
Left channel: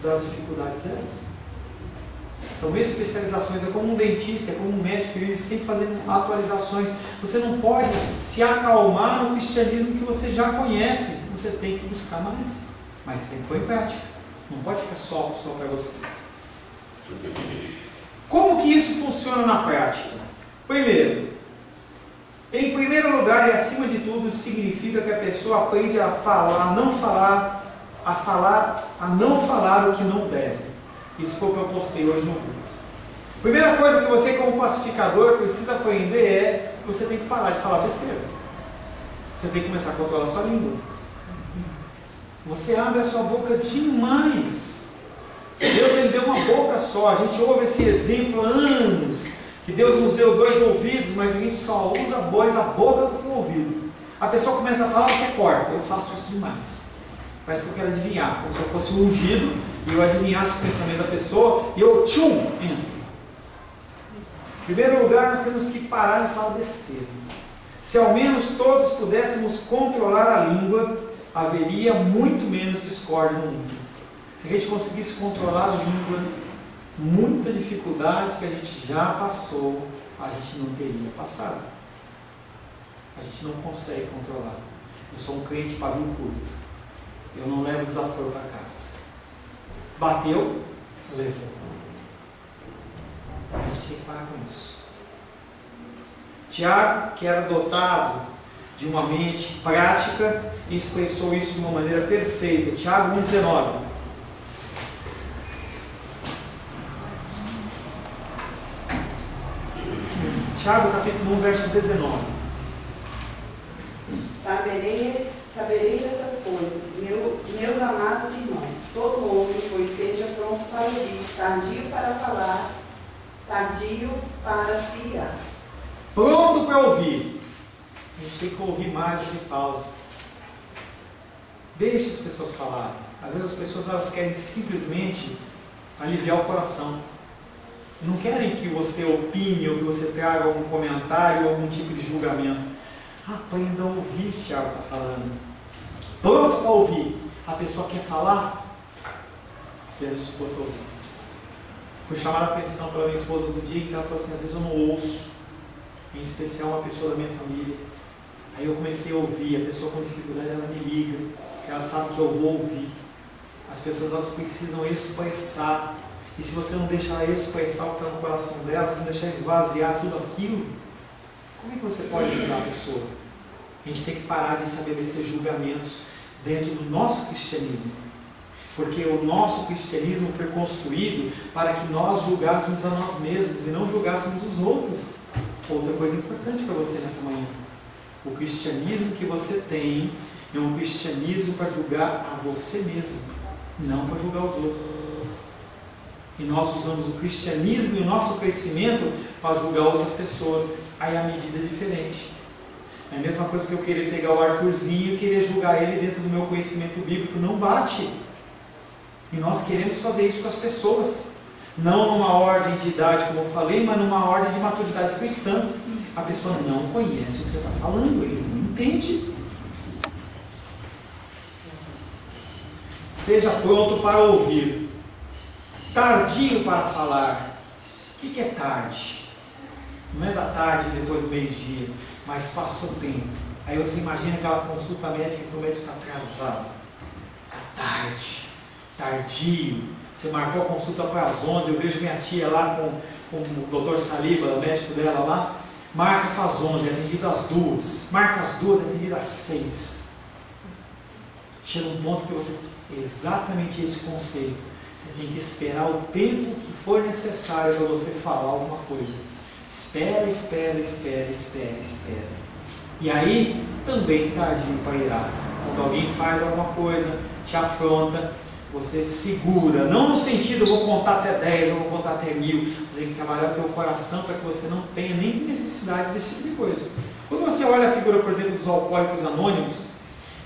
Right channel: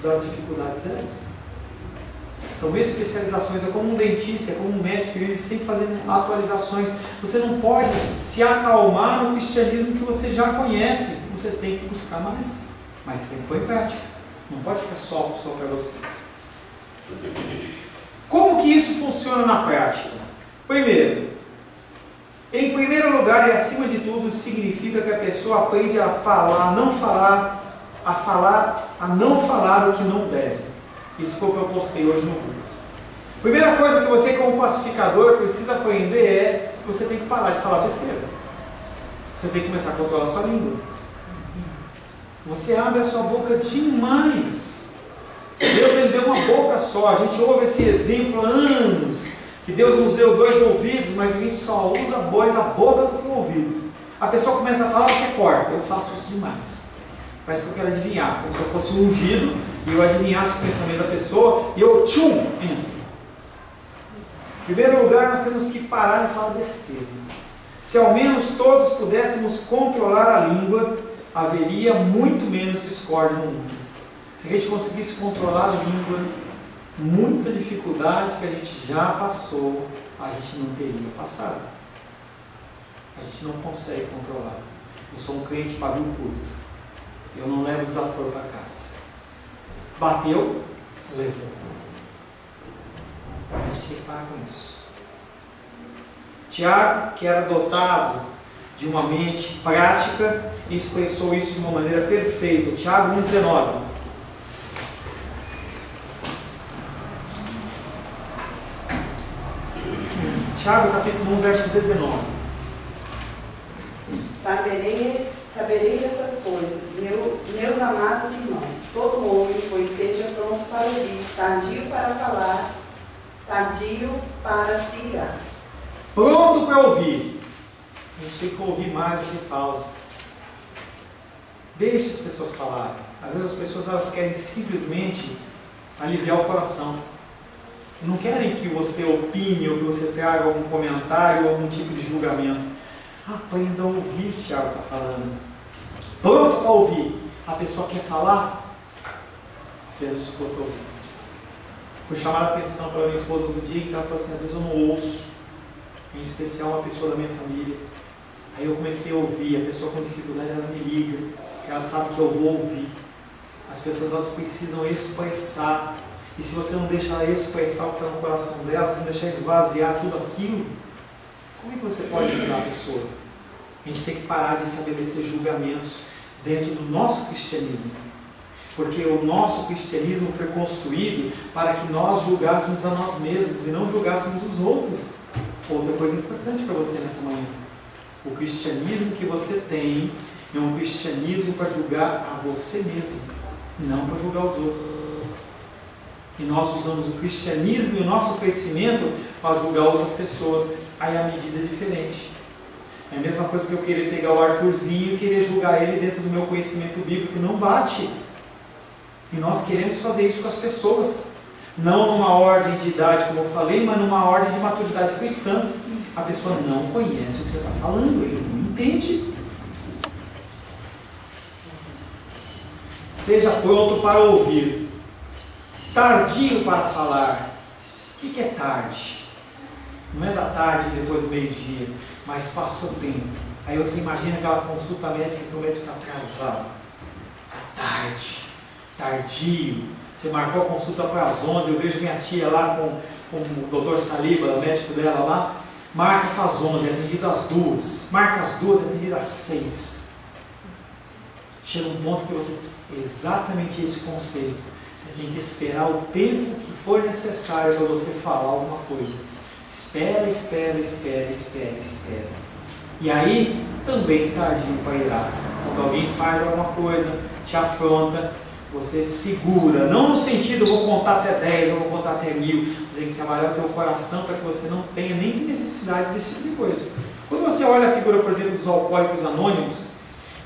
das dificuldades delas. São especializações, é como um dentista, é como um médico, ele sempre fazendo atualizações. Você não pode se acalmar no cristianismo que você já conhece, você tem que buscar mais, mas você tem que pôr em prática, não pode ficar só para você. Como que isso funciona na prática? Em primeiro lugar e acima de tudo, significa que a pessoa aprende a falar, a não falar o que não deve. Isso foi o que eu postei hoje no grupo. Primeira coisa que você, como pacificador, precisa aprender é que você tem que parar de falar besteira. Você tem que começar a controlar a sua língua. Você abre a sua boca demais. Deus, ele deu uma boca só. A gente ouve esse exemplo há anos, que Deus nos deu 2 ouvidos, mas a gente só usa mais a boca do que o ouvido. A pessoa começa a falar, você corta. Eu faço isso demais. Parece que eu quero adivinhar, como se eu fosse um ungido e eu adivinhasse o pensamento da pessoa e eu entro. Em primeiro lugar, nós temos que parar de falar besteira. Se ao menos todos pudéssemos controlar a língua, haveria muito menos discórdia no mundo. Se a gente conseguisse controlar a língua, muita dificuldade que a gente já passou, a gente não teria passado. A gente não consegue controlar. Eu sou um crente pavio curto. Eu não levo desaforo para casa. Bateu, levou. A gente tem que parar com isso. Tiago, que era dotado de uma mente prática, expressou isso de uma maneira perfeita. Tiago 1,19. Tiago capítulo 1, verso 19. Sabereis essas coisas, meus amados irmãos. Todo homem, pois seja pronto para ouvir, tardio para falar, tardio para se irar. Pronto para ouvir. A gente tem que ouvir mais do que fala. Deixe as pessoas falarem. Às vezes as pessoas elas querem simplesmente aliviar o coração. Não querem que você opine ou que você traga algum comentário ou algum tipo de julgamento. Aprenda a ouvir, Tiago está falando. Pronto para ouvir. A pessoa quer falar, esteja disposto a ouvir. Fui chamar a atenção pela minha esposa outro dia, que ela falou assim, às vezes eu não ouço, em especial uma pessoa da minha família. Aí eu comecei a ouvir, a pessoa com dificuldade ela me liga, porque ela sabe que eu vou ouvir. As pessoas elas precisam expressar, e se você não deixar ela expressar o que está no coração dela, se não deixar esvaziar tudo aquilo, como é que você pode ajudar a pessoa? A gente tem que parar de estabelecer julgamentos dentro do nosso cristianismo. Porque o nosso cristianismo foi construído para que nós julgássemos a nós mesmos e não julgássemos os outros. Outra coisa importante para você nessa manhã. O cristianismo que você tem é um cristianismo para julgar a você mesmo, não para julgar os outros. E nós usamos o cristianismo e o nosso crescimento para julgar outras pessoas. Aí a medida é diferente. É a mesma coisa que eu querer pegar o Arthurzinho e querer julgar ele dentro do meu conhecimento bíblico. Não bate. E nós queremos fazer isso com as pessoas. Não numa ordem de idade, como eu falei, mas numa ordem de maturidade cristã. A pessoa não conhece o que você está falando, ele não entende. Seja pronto para ouvir. Tardio para falar. O que é tarde? Não é da tarde depois do meio-dia, mas passou o tempo. Aí você imagina aquela consulta médica que o médico está atrasado. É tarde, tardio. Você marcou a consulta para as 11, eu vejo minha tia lá com o doutor Saliba, o médico dela lá, marca para as 11, é atendido às 2, marca às 2, é atendido às 6. Chega um ponto que você, exatamente esse conceito, você tem que esperar o tempo que for necessário para você falar alguma coisa. Espera, espera, espera, espera, espera. E aí, também tardio para irar. Quando alguém faz alguma coisa, te afronta, você segura, não no sentido, eu vou contar até 10, eu vou contar até 1000, você tem que trabalhar o teu coração para que você não tenha nem necessidade desse tipo de coisa. Quando você olha a figura, por exemplo, dos Alcoólicos Anônimos,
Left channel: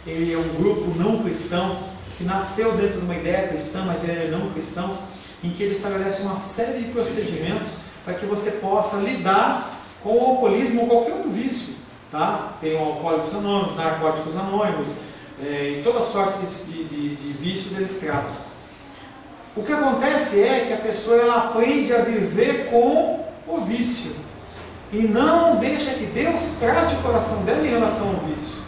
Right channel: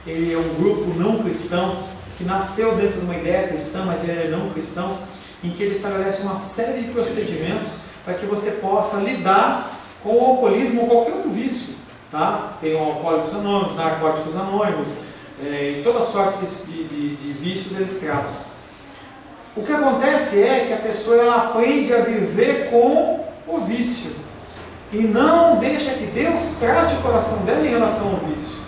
ele é um grupo não cristão, que nasceu dentro de uma ideia cristã, mas ele é não cristão, em que ele estabelece uma série de procedimentos para que você possa lidar com o alcoolismo ou qualquer outro vício. Tá? Tem o Alcoólicos Anônimos, Narcóticos Anônimos, e toda sorte de vícios eles tratam. O que acontece é que a pessoa ela aprende a viver com o vício e não deixa que Deus trate o coração dela em relação ao vício.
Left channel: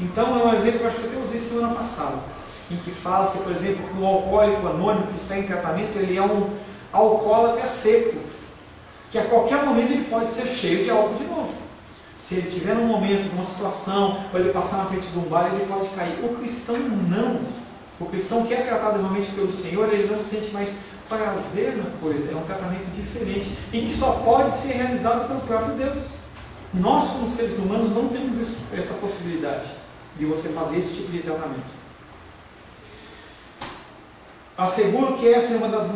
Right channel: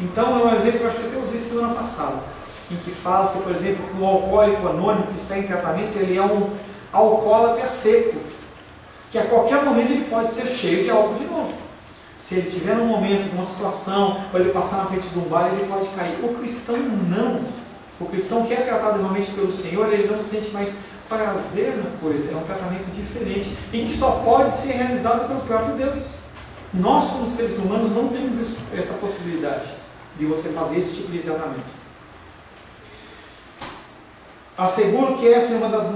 Então é um exemplo que eu acho que eu até usei semana passada, em que fala-se, por exemplo, que um alcoólico anônimo que está em tratamento, ele é um alcoólatra seco, que a qualquer momento ele pode ser cheio de álcool de novo. Se ele tiver num momento, numa situação, ou ele passar na frente de um bar, ele pode cair. O cristão não. O cristão que é tratado realmente pelo Senhor, ele não sente mais prazer na coisa. É um tratamento diferente, e que só pode ser realizado pelo próprio Deus. Nós, como seres humanos, não temos essa possibilidade de você fazer esse tipo de tratamento. Asseguro que essa é uma das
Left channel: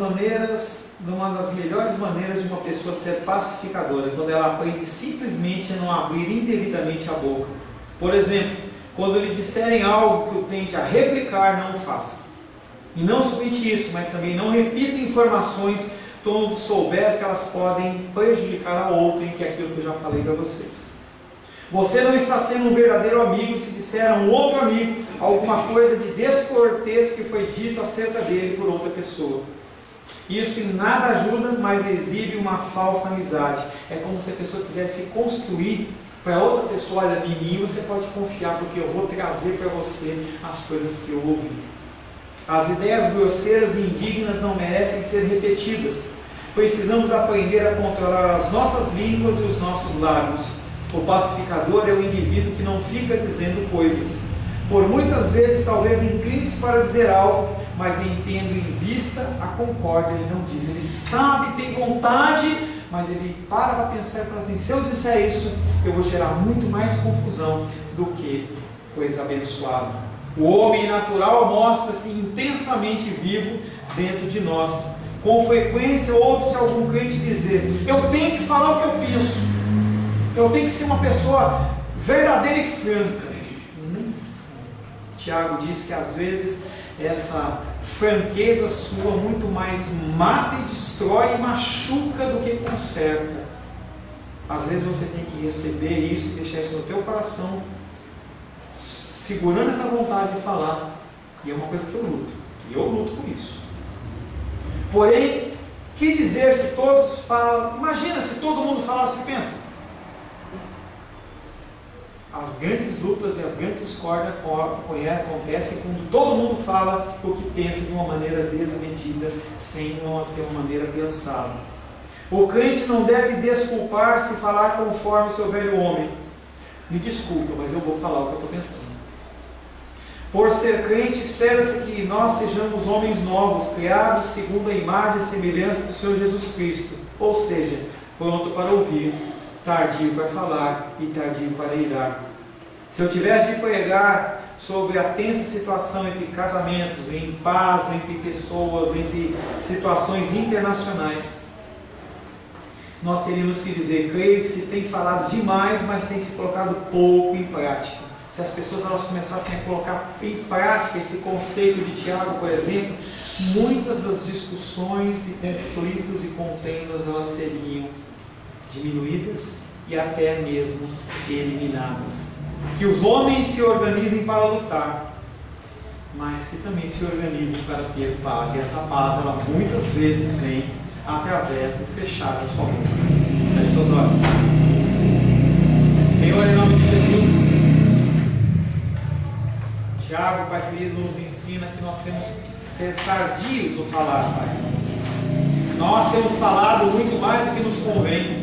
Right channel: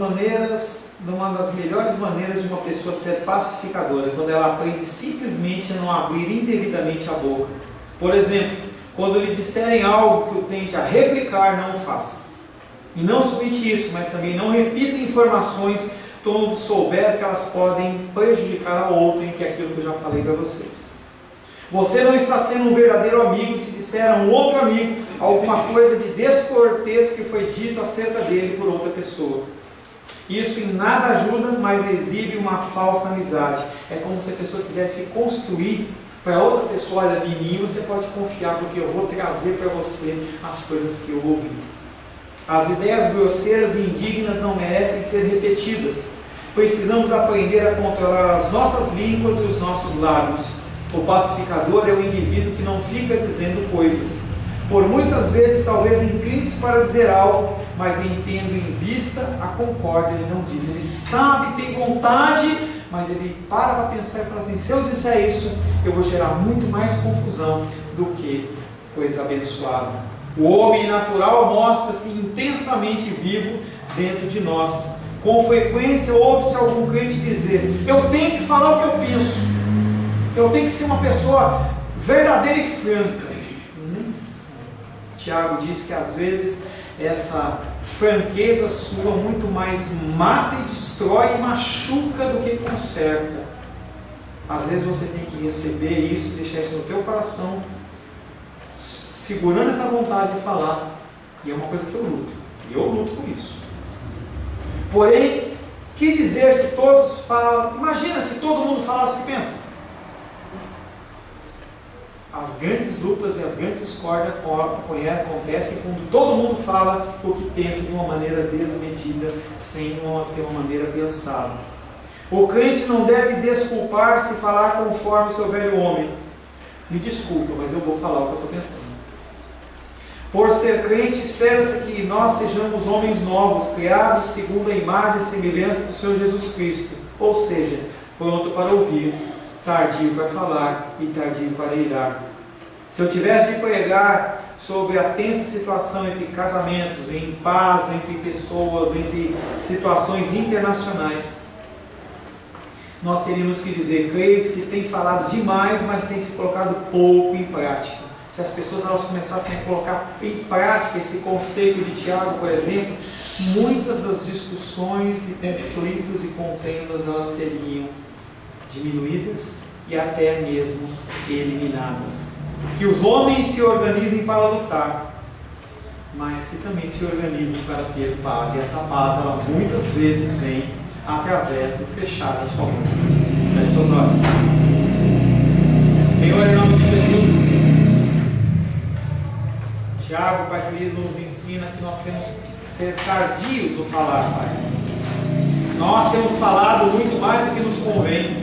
melhores maneiras de uma pessoa ser pacificadora, quando ela aprende simplesmente a não abrir indevidamente a boca. Por exemplo, quando lhe disserem algo que o tente a replicar, não o faça. E não somente isso, mas também não repita informações quando souber que elas podem prejudicar a outrem, que é aquilo que eu já falei para vocês. Você não está sendo um verdadeiro amigo se disser a um outro amigo alguma coisa de descortês que foi dito acerca dele por outra pessoa. Isso em nada ajuda, mas exibe uma falsa amizade. É como se a pessoa quisesse construir para outra pessoa: olha, em mim você pode confiar, porque eu vou trazer para você as coisas que eu ouvi. As ideias grosseiras e indignas não merecem ser repetidas. Precisamos aprender a controlar as nossas línguas e os nossos lábios. O pacificador é o indivíduo que não fica dizendo coisas. Por muitas vezes talvez incline-se para dizer algo, mas tendo em vista a concórdia, ele não diz. Ele sabe, tem vontade, mas ele para pensar e fala assim: se eu disser isso, eu vou gerar muito mais confusão do que coisa abençoada. O homem natural mostra-se intensamente vivo dentro de nós. Com frequência ouve-se algum crente dizer: eu tenho que falar o que eu penso. Eu tenho que ser uma pessoa verdadeira e franca. Nem sabe. Tiago diz que às vezes essa franqueza sua muito mais mata e destrói e machuca do que conserta. Às vezes você tem que receber isso, deixar isso no teu coração, segurando essa vontade de falar. E é uma coisa que eu luto. E eu luto com isso. Porém, que dizer se todos falam? Imagina se todo mundo falasse o que pensa. As grandes lutas e as grandes discórdias acontecem quando todo mundo fala o que pensa de uma maneira desmedida, sem ser uma maneira pensada. O crente não deve desculpar-se e falar conforme o seu velho homem. Me desculpa, mas eu vou falar o que eu estou pensando. Por ser crente, espera-se que nós sejamos homens novos, criados segundo a imagem e semelhança do Senhor Jesus Cristo. Ou seja, pronto para ouvir, tardio para falar e tardio para irar. Se eu tivesse de pregar sobre a tensa situação entre casamentos, em paz entre pessoas, entre situações internacionais, nós teríamos que dizer: creio que se tem falado demais, mas tem se colocado pouco em prática. Se as pessoas elas começassem a colocar em prática esse conceito de Tiago, por exemplo, muitas das discussões e conflitos e contendas elas seriam diminuídas e até mesmo eliminadas. Que os homens se organizem para lutar, mas que também se organizem para ter paz. E essa paz, ela muitas vezes vem através do fechar da sua boca. Feche seus olhos. Senhor, em nome de Jesus, Tiago, Pai querido, nos ensina que nós ser tardios no falar, Pai. Nós temos falado muito mais do que nos convém.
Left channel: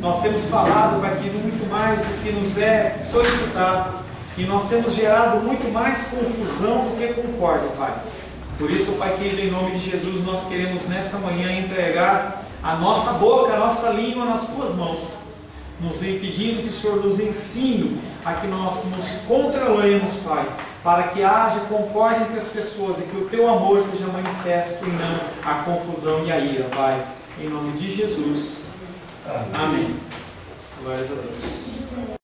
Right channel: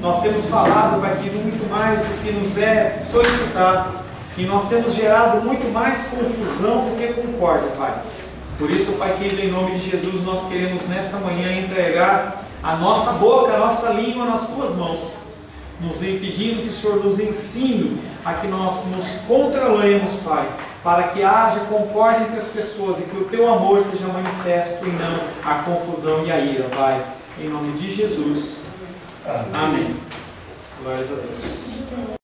Nós temos falado, Pai, que muito mais do que nos é solicitado. E nós temos gerado muito mais confusão do que concórdia, Pai. Por isso, Pai querido, em nome de Jesus, nós queremos nesta manhã entregar a nossa boca, a nossa língua nas Tuas mãos, nos pedindo que o Senhor nos ensine a que nós nos controlemos, Pai, para que haja concórdia entre as pessoas e que o Teu amor seja manifesto e não a confusão e a ira, Pai. Em nome de Jesus. Amém. Glórias a Deus.